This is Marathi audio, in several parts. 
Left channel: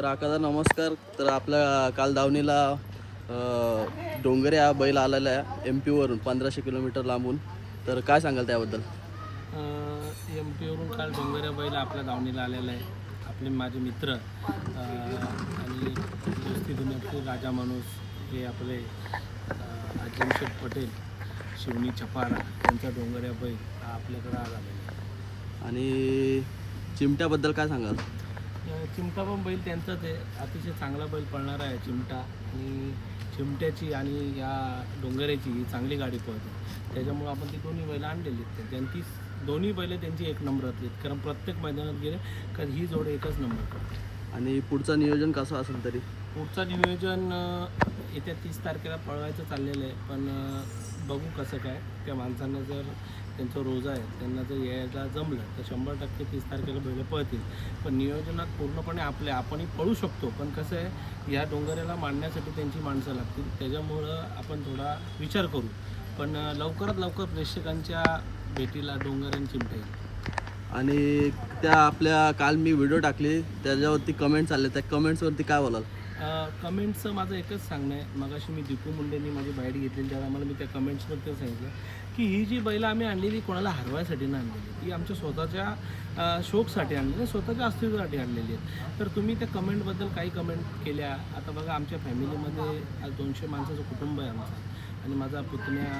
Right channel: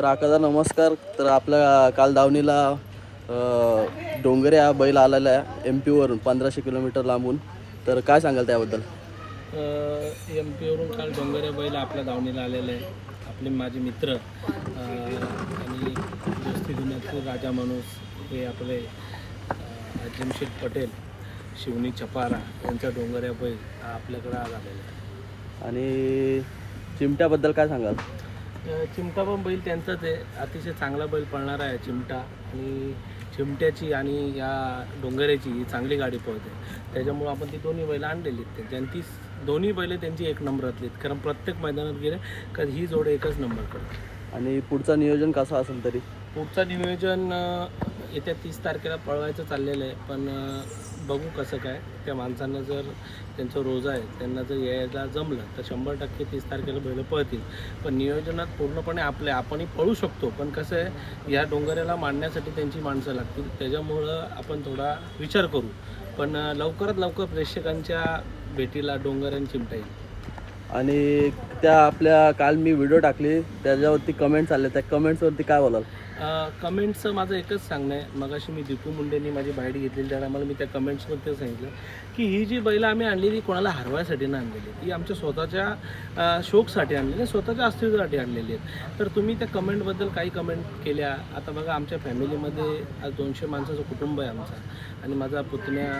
तर आकादा नमस्कार. तर आपल्या काल दावणीला अ, डोंगरे हा बैल आलेला आहे एम पीवरून पंधराशे किलोमीटर लांबून. तर काय सांगाल त्याबद्दल? एम पीवरून काल डोंगऱ्या बैल आपल्या दावणीला आलेलं आहे आपले माझे मित्र आणि दोस्ती राजा माणूस हे आपले अं, अजिमशेठ पटेल शिवनी चपारा यांचा डोंगऱ्या बैल हा आपल्याकडं आज आलेला आहे. आणि चिमट्याबद्दल काय सांगाल? चिमटा पण बैल त्यांचाच आहे. अतिशय चांगला बैल पळणारा आहे चिमटा. आणि चिमट्याची आणि या डोंगऱ्याची ही चांगली गाडी पळते. त्याच्यामुळं आपण ती दोन्ही बैल आणलेली आहेत. त्यांची दोन्ही बैल त्यांची एक नंबरातली आहेत. कारण प्रत्येक मैदानात गेले का ही जोड एकच नंबर करते. आणि पुढचं नियोजन कसं असेल तरी? पुढचं नियोजन येत्या तीस तारखेला पळवायचं चाललेलं आहे. पण बघू कसं काय. त्या माणसांना जर त्यांचं रोजा आहे त्यांना जर यायला जमलं तर शंभर टक्के तीस तारखेला बैल पळतील. पण नियोजनात पूर्णपणे आपले आपणही पळू शकतो. पण कसं आहे या डोंगऱ्याला मांडण्यासाठी त्यांची माणसं लागतील. त्याच्यामुळं आपण थोडा विचार करू. पण लवकरात लवकर प्रेक्षकांच्या भेटीला डोंगर चिमटा येईल आणि त्या आपल्या काल मी व्हिडिओ टाकली. त्याच्यावरती कमेंट्स आले त्या कमेंट्सवरती काय बोलाल? कमेंट्सचं माझं एकच सांगणं आहे. मगाशी मी दीपू मुंडेंनी माझी बाईट घेतलेली त्या टायमाला मी त्या कमेंट्समध्ये सांगितलं की ही जी बैलं आम्ही आणलेली कोणाला हरवायसाठी नाही आणलेली. ती आमच्या स्वतःच्या शोकसाठी शौकसाठी आणलेली स्वतःच्या अस्तित्वासाठी आणलेली आहेत. तर तुम्ही त्या कमेंटबद्दल काही कमेंट केल्या. आता बघा आमच्या फॅमिलीमध्ये आज दोनशे माणसाचं कुटुंब आहे आमचं. आणि माझा पुतण्या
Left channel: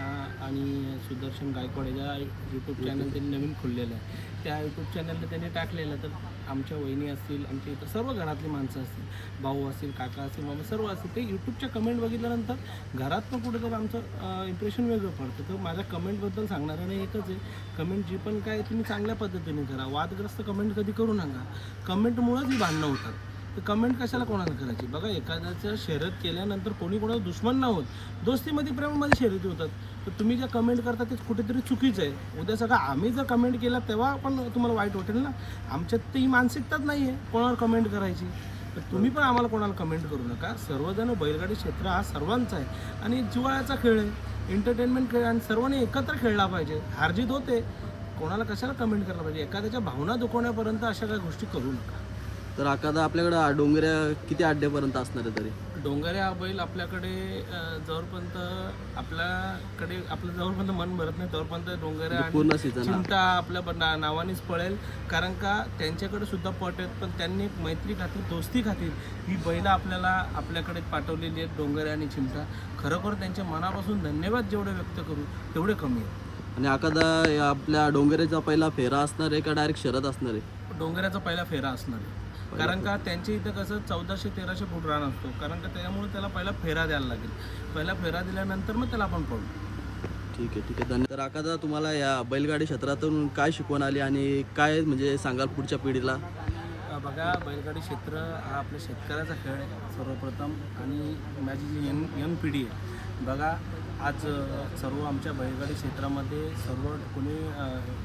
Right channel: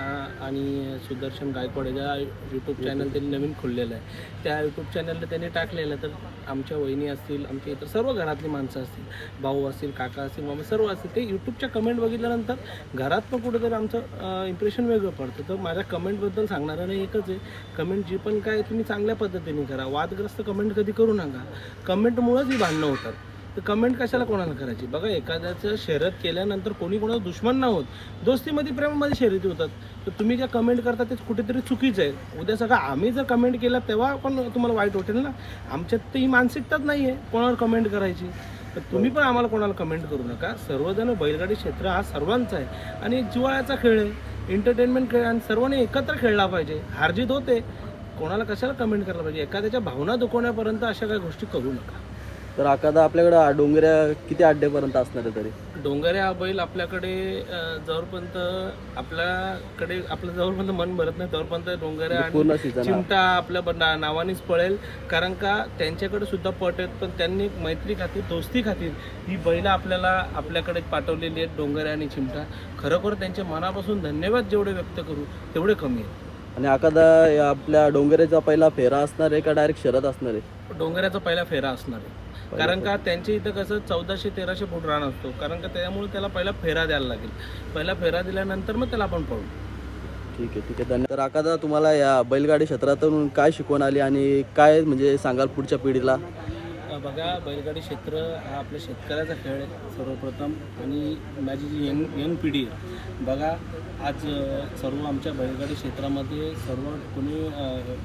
आणि सुदर्शन गायकवाड याचा यूट्यूब चॅनल त्यांनी नवीन खोललेलं आहे. त्या यूट्यूब चॅनलला त्यांनी टाकलेलं आहे तर आमच्या वहिनी असतील आमच्या इतर सर्व घरातली माणसं असतील भाऊ असतील काका असतील मामा सर्व असतील ते यूट्यूबच्या कमेंट बघितल्यानंतर घरातनं कुठेतरी आमचं इम्प्रेशन वेगळं पडतं. तर माझ्या कमेंटबद्दल सांगणारं नाही एकच आहे. कमेंट जी पण काय तुम्ही चांगल्या पद्धतीने करा. वादग्रस्त कमेंट कधी करू नका. कमेंटमुळंच ही भांडणं होतात. तर कमेंट कशाला कोणाला करायची? बघा एखाद्याचं शर्यत केल्यानंतर कोणी कोणाचं दुश्मन ना होत. दोस्तीमध्ये प्रेमामध्ये शर्यती होतात. तर तुम्ही ज्या कमेंट करता ते कुठेतरी चुकीचं आहे. उद्या सगळं आम्ही जर कमेंट केला तेव्हा पण तुम्हाला वाईट वाटेल ना? आमच्यात तर ही मानसिकताच नाही आहे कोणावर कमेंट करायची. तर तुम्ही पण आम्हाला कोणाला कमेंट करू नका. सर्वजण बैलगाडी क्षेत्र हा सर्वांचा आहे. आणि जिवाळ्याचा खेळ आहे. एंटरटेनमेंट खेळ आणि सर्वांनी एकत्र खेळला पाहिजे. हारजीत होते. कोणाला कशाला कमेंट करायला पाहिजे? एखाद्याच्या भावना दुखवण्यापर्यंत अशा काही गोष्टी करू नका. तर आकादा आपल्याकडं डोंगऱ्या किती अड्डेपर्यंत असणार आहे तरी? डोंगऱ्या हा बैल आपल्याकडे अं, जोरपर्यंत आपल्याकडे आपलं जोरपर्यंत मन भरत नाही तोपर्यंत डोंगऱ्या आणि पूर्ण सीझन चिंता आपल्या ब- ना- नावानेच पळेल. कारण का त्यांच्याकडे सुद्धा पट आहेत पण त्यांनी एक मैत्री खातीर दोस्ती खातीर ही बैलं आपल्याला आपल्याकडे पाठवलेली आहेत डोंगऱ्या आणि चिमटा. खरोखर त्यांच्या मनापासून धन्यवाद जेवढे व्यक्त करू तेवढे कमी आहे. आणि आकादा या आपल्या डोंगऱ्याचा पहिला फेरा असणार आहे का डायरेक्ट शरद असणार आहे? डोंगऱ्याचा पहिला फेरा असणार आहे. कारण का त्यांच्या इथं कसं चौदाशे तेराशे फूट रान असतो. कारण का त्यामुळे त्याला पहिला फेरा द्यायला लागेल. पहिला फेरा दिल्यानंतर मग त्याला आपण पळू ठीक आहे ठीक आहे. धन्यवाद तर आकादा तुम्हाला या बैलगाडी क्षेत्रातून काय शिकवण आली आणि काय म्हणजे सांगाल पुढच्या पिढीला? बघा बैलगाडी क्षेत्र हा आपल्या शेतकऱ्याचा खेळ आहे सर्वप्रथम. आणि माझी जी यंग यंग पिढी आहे बघा आज सर्व आमच्या बैलगाडी क्षेत्रामध्ये सर्व कोणी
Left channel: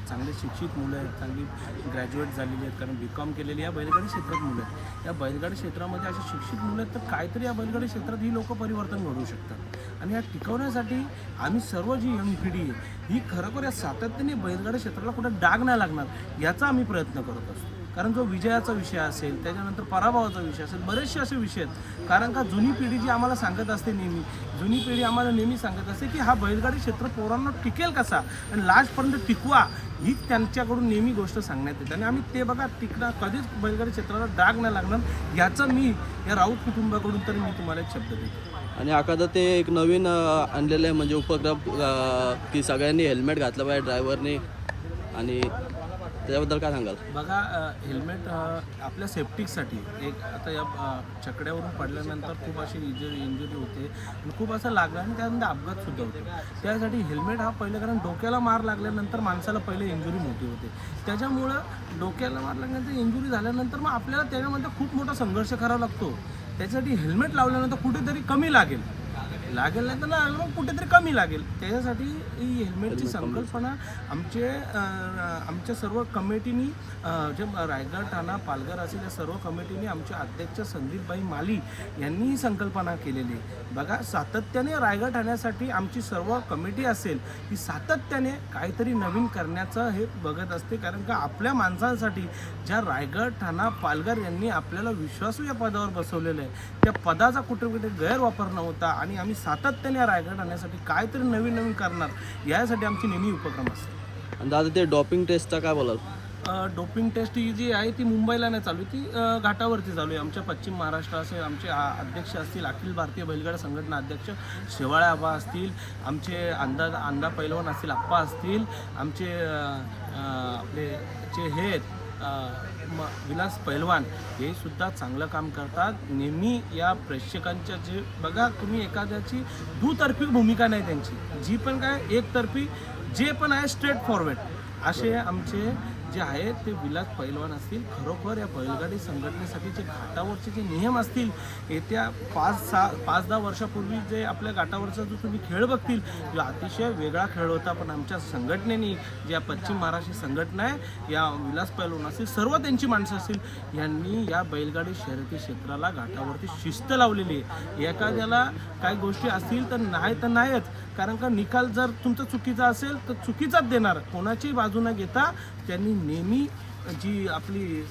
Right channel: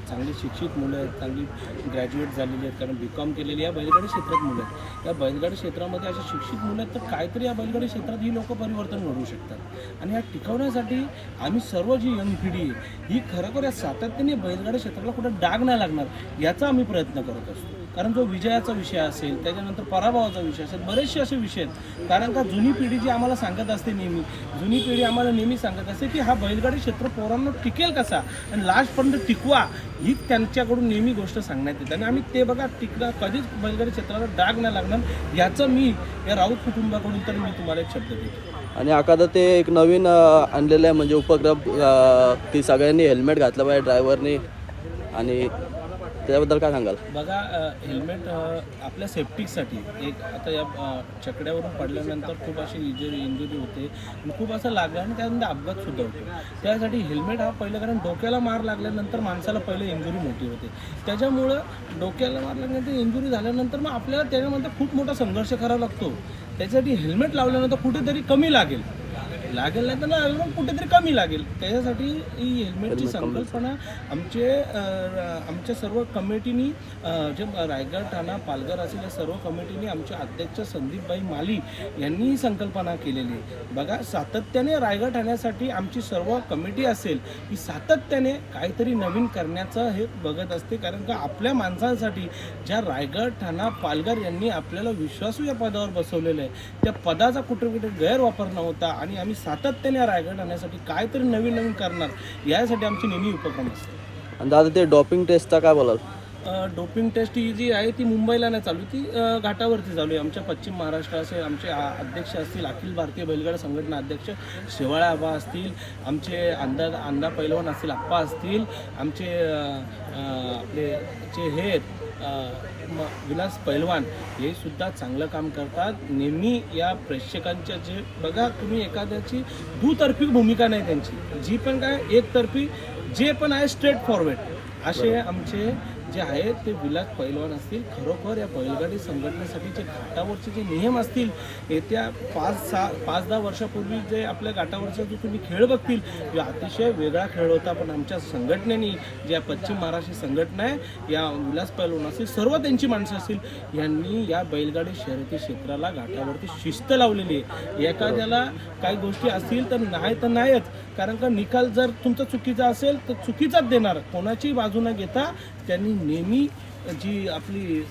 चांगली शिक्षित मुलं आहेत चांगली ग्रॅज्युएट झालेली आहेत कारण बी कॉम केलेली या बैलगाडी क्षेत्रात मुलं आहेत. या बैलगाडी क्षेत्रामध्ये अशी शिक्षित मुलं आहेत तर काहीतरी या बैलगाडी क्षेत्रात ही लोक परिवर्तन घडवू शकतात. आणि या टिकवण्यासाठी आम्ही सर्व जी यंग पिढी आहे ही खरोखर या सातत्याने बैलगाडी क्षेत्राला कुठं डाग नाही लागणार याचा आम्ही प्रयत्न करत असतो. कारण जो विजयाचा विषय असेल त्याच्यानंतर पराभवाचा विषय असेल बरेचसे असे विषय आहेत. कारण का जुनी पिढी जी आम्हाला सांगत असते नेहमी जुनी पिढी आम्हाला नेहमी सांगत असते की हा बैलगाडी क्षेत्र पोरांना टिकेल कसा? आणि लास्टपर्यंत टिकवा ही त्यांच्याकडून नेहमी गोष्ट सांगण्यात येते. आणि आम्ही ते बघा टिकणार कधीच बैलगाडी क्षेत्राला डाग नाही लागणार याचं मी या राऊत कुटुंबाकडून तर मी तुम्हाला एक शब्द देतो. आणि एखादं ते एक नवीन आणलेलं आहे म्हणजे उपक्रम की सगळ्यांनी हेल्मेट घातलं पाहिजे ड्रायव्हरनी आणि त्याबद्दल काय सांगाल? बघा हेल्मेट आपल्या सेफ्टीसाठी एक आता या चकड्यावरून पडल्यानंतर खूप अशी इंजुरी इंजुरी होते. आणि खूप असं लागलं आणि त्यानंतर अपघात सुद्धा होतो त्यासाठी हेल्मेट हा पहिलं कारण डोक्याला मार लागल्यानंतर माणसाला पहिले इंजुरी मोठी होते. त्याच्यामुळं डोक्याला मार लागल्यानंतर इंजुरी झाल्यानंतर मग आपल्याला त्याच्यामध्ये खूप मोठा संघर्ष करावा लागतो. त्याच्यासाठी हेल्मेट लावल्यानंतर कुठेतरी कमी लागेल. लागेल नाही तर लागेल पण कुठेतरी कमी लागेल. त्याच्यासाठी ही हेल्मेटची संकल्पना आमचे आमच्या सर्व कमिटीनी जे रायगड ठाणा पालघर असेल या सर्व कमिटीनी आमचे अध्यक्ष संदीपबाई माली यांनी ही संकल्पना केलेली आहे. बघा सातत्याने रायगड ठाण्यासाठी आमची सर्व कमिटी असेल ही सातत्याने काहीतरी नवीन करण्याचं हे बघत असते. कारण का आपल्या माणसांसाठी ज्या रायगड ठाणा पालघर यांनी आपल्याला विश्वासू या पदावर बसवलेलं आहे त्या पदाचा कुठे कुठे गैरवापर नव्हता आणि आम्ही सातत्याने रायगड आणण्यासाठी काहीतरी नवीन नवीन करणार यासाठी आमची नेहमी उपक्रम असते. आणि दादा ते डॉपिंग टेस्टचा काय बोलाल? डोपिंग टेस्ट ही जी आहे ती मुंबईला नाही चालू ती घाटावरती चालू आहे. आमच्या पश्चिम महाराष्ट्र असेल आमचे अध्यक्ष असतील अखिल भारतीय बैलगाडा संघटना अध्यक्ष शेवाळे आबा असतील आमचे अंदा अंदा पैलवान असतील आप्पा असतील आमचे आपले जे हे आहेत, म- विलास पैलवान हे सुद्धा चांगलं काम करतात. नेहमी या प्रेक्षकांच्या जे बघा तुम्ही एखाद्याची दुतर्फी भूमिका नाही त्यांची. जी पण काय एकतर्फी जे पण आहे स्ट्रेट फॉरवर्ड असे आमचे जे आहेत ते विलास पैलवान असतील खरोखर या बैलगाडी संघटनेसाठी जे घाटावरचे जे नियम असतील येत्या पाच सहा पाच दहा वर्षापूर्वी जे आपल्या घाटावरचा जो तुम्ही खेळ बघतील जो अतिशय वेगळा खेळ होता. पण आमच्या संघटनेने ज्या पश्चिम महाराष्ट्र संघटना आहे या विलास पैलवान असतील सर्व त्यांची माणसं असतील यांनी या बैलगाडी शर्यती क्षेत्राला घाटावरती शिस्त लावलेली आहे. एखाद्याला काही गोष्टी असतील तर नाही तर नाहीच कारण का निकाल जर तुमचा चुकीचा असेल तर चुकीचाच देणार. कोणाची बाजू न घेता त्यांनी नेहमी जी आपली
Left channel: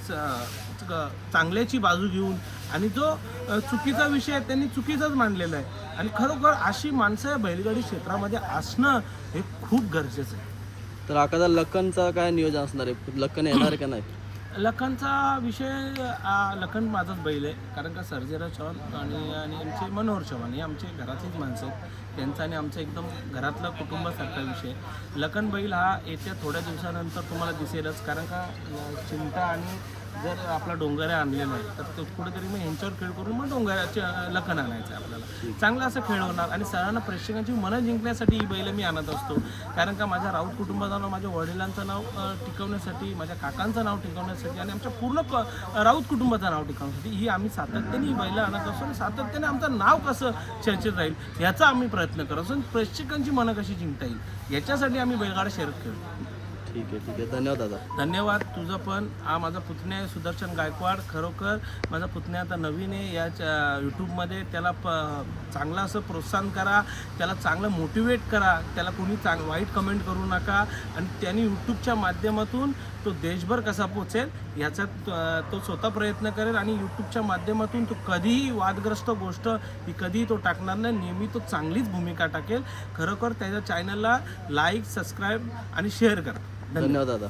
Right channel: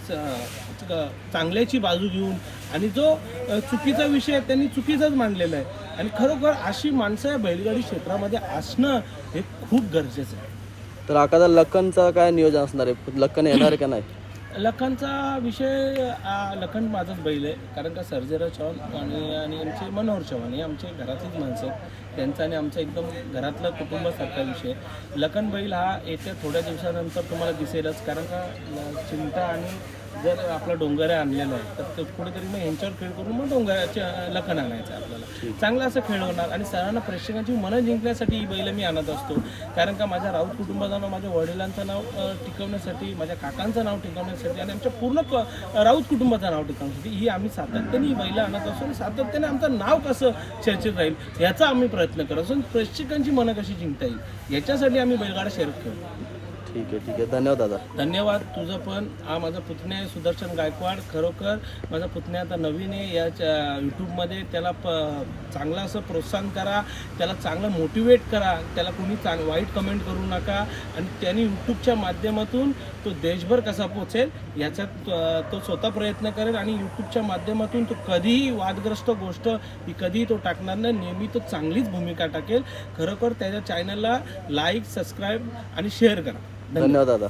चांगल्याची बाजू घेऊन आणि जो चुकीचा विषय आहे त्यांनी चुकीचाच मांडलेला आहे. आणि खरोखर अशी माणसं बैलगाडी क्षेत्रामध्ये असणं हे खूप गरजेचं आहे. तर आकादा लखनचं काय नियोजन असणार आहे? लखन येणार आहे का नाही? लखनचा विषय लखन माझाच बैल आहे. कारण का सर्जेराव चव्हाण आणि आणि आमचे मनोहर चव्हाण हे आमचे घरातलीच माणसं आहेत. त्यांचा आणि आमचा एकदम घरातलं कुटुंबासारखा विषय. लखन बैल हा येत्या थोड्या दिवसानंतर तुम्हाला दिसेलच कारण का चिंता आणि जर आपला डोंगर आणलेला आहे तर तो कुठेतरी मग ह्यांच्यावर खेळ करून मग डोंगराचे लखन आणायचं आपल्याला. चांगला असं खेळ होणार आणि सरांना प्रेक्षकांची मनं जिंकण्यासाठी ही बैल मी आणत असतो. कारण का माझ्या राऊत कुटुंबाचं नाव माझ्या वडिलांचं नाव टिकवण्यासाठी माझ्या काकांचं नाव टिकवण्यासाठी आणि आमच्या पूर्ण क राऊत कुटुंबाचं नाव टिकवण्यासाठी ही आम्ही सातत्याने ही बैलं आणत असतो आणि सातत्याने आमचं नाव कसं चर्चेत राहील याचा आम्ही प्रयत्न करत असतो प्रेक्षकांची मनं कशी जिंकता येईल? याच्यासाठी आम्ही बैलगाडा शर्यत खेळतो. ठीक आहे ठीक आहे. धन्यवाद दादा. धन्यवाद. तुझं पण. हा माझा पुतण्या आहे सुदर्शन गायकवाड खरोखर माझा पुतण्या आता नवीन आहे. याच्या यूट्यूबमध्ये त्याला प चांगलं असं प्रोत्साहन करा. त्याला चांगलं मोटिवेट करा. त्याला कोणी चांग वाईट कमेंट करू नका. आणि त्यांनी यूट्यूबच्या माध्यमातून तो देशभर कसा पोचेल याचा त- तो स्वतः प्रयत्न करेल आणि यूट्यूबच्या माध्यमातून तो कधीही वादग्रस्त गोष्ट ही कधीही तो टाकणार नाही. नेहमी तो चांगलीच भूमिका टाकेल. खरोखर त्याच्या चॅनलला लाईक सबस्क्राईब आणि शेअर करा. धन्यवाद दादा.